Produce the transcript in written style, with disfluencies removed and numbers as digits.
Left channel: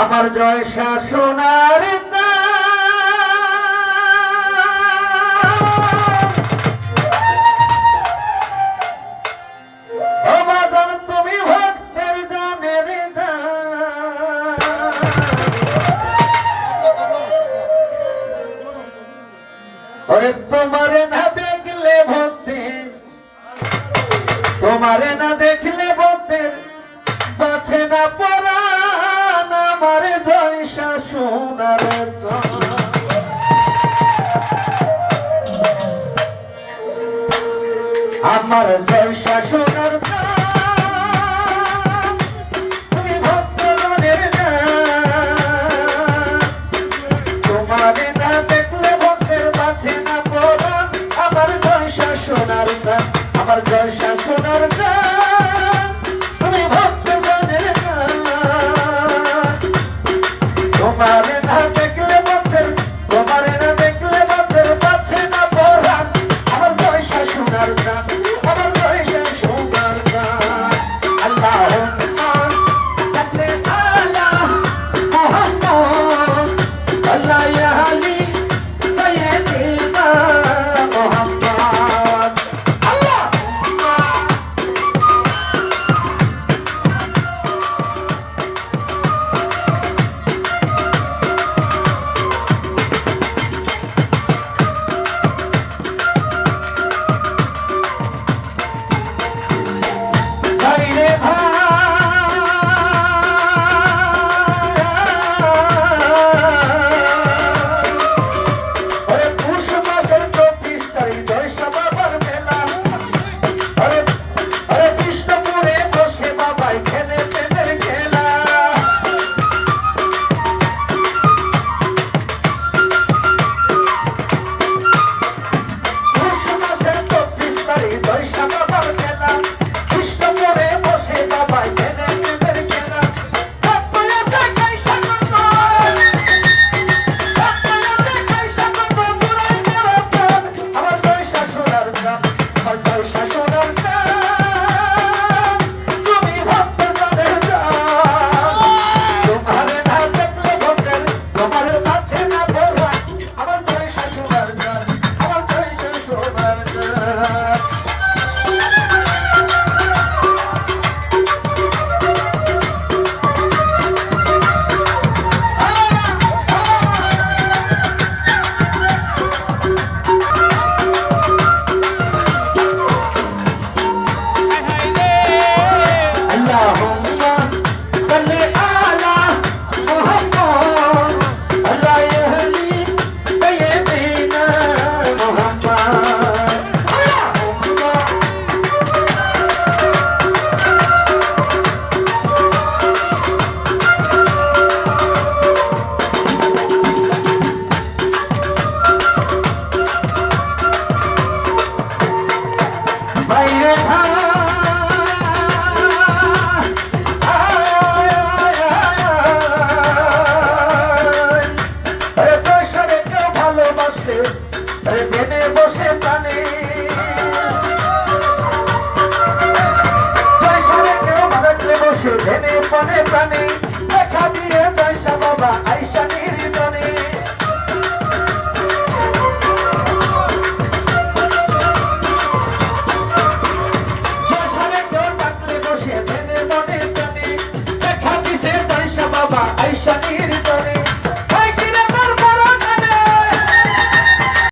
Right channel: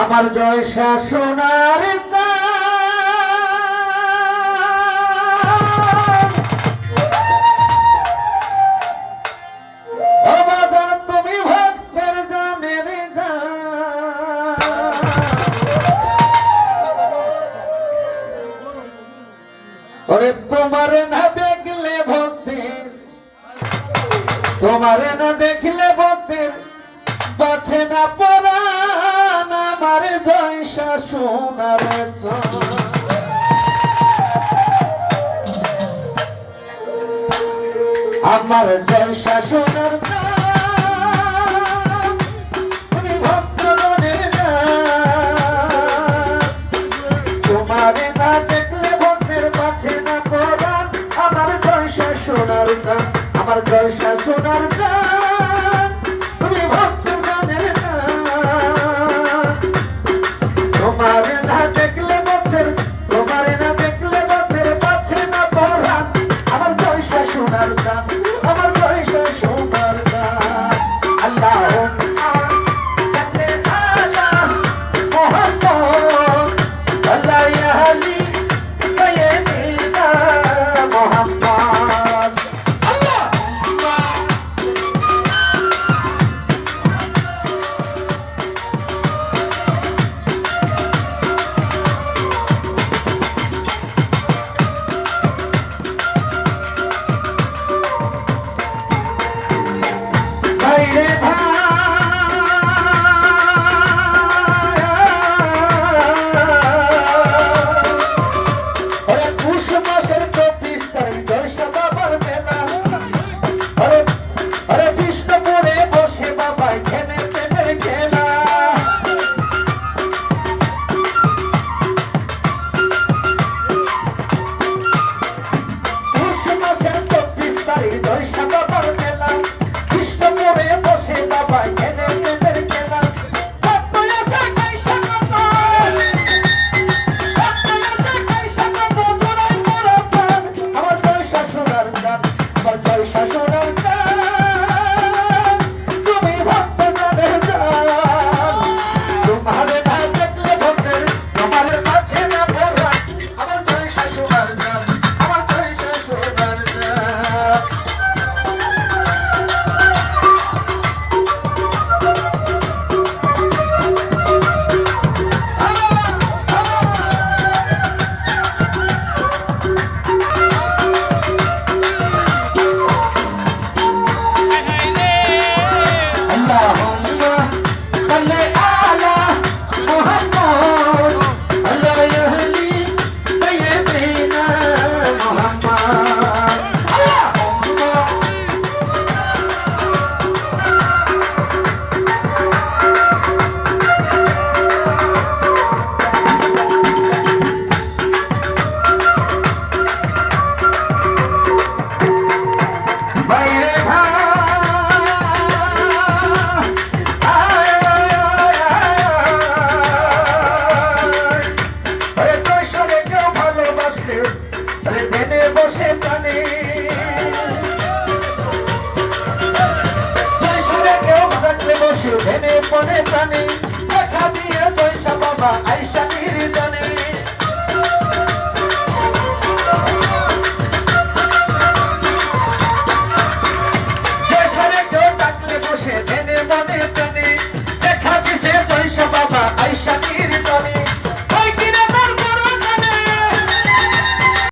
আমার জয় শাসনার তুমি ভক্তের জানের ওরে তোমারে না দেখলে ভক্তে তোমারে না দেখলে ভক্তের বাঁচে না পরাণ আমার জয় শাসনার আমার জয় শাসনার তোমারে না দেখলে ভক্তের বাঁচে না পরাণ আমার জয় শাসনার আমার জয় শাসনার তোমারে না দেখলে বন্ধের তোমারে না দেখলে বন্ধের পাচ্ছে না পরাণ আমার জয় শাসনার গান আমার জয় শাসনার গান আল্লাহুম্মা সাল্লি আলা মুহাম্মদ আল্লাহ আলী সাইয়্যিদিনা মুহাম্মদ প্রাণে দেখা দিয়ে জয়সা বাবা আইসা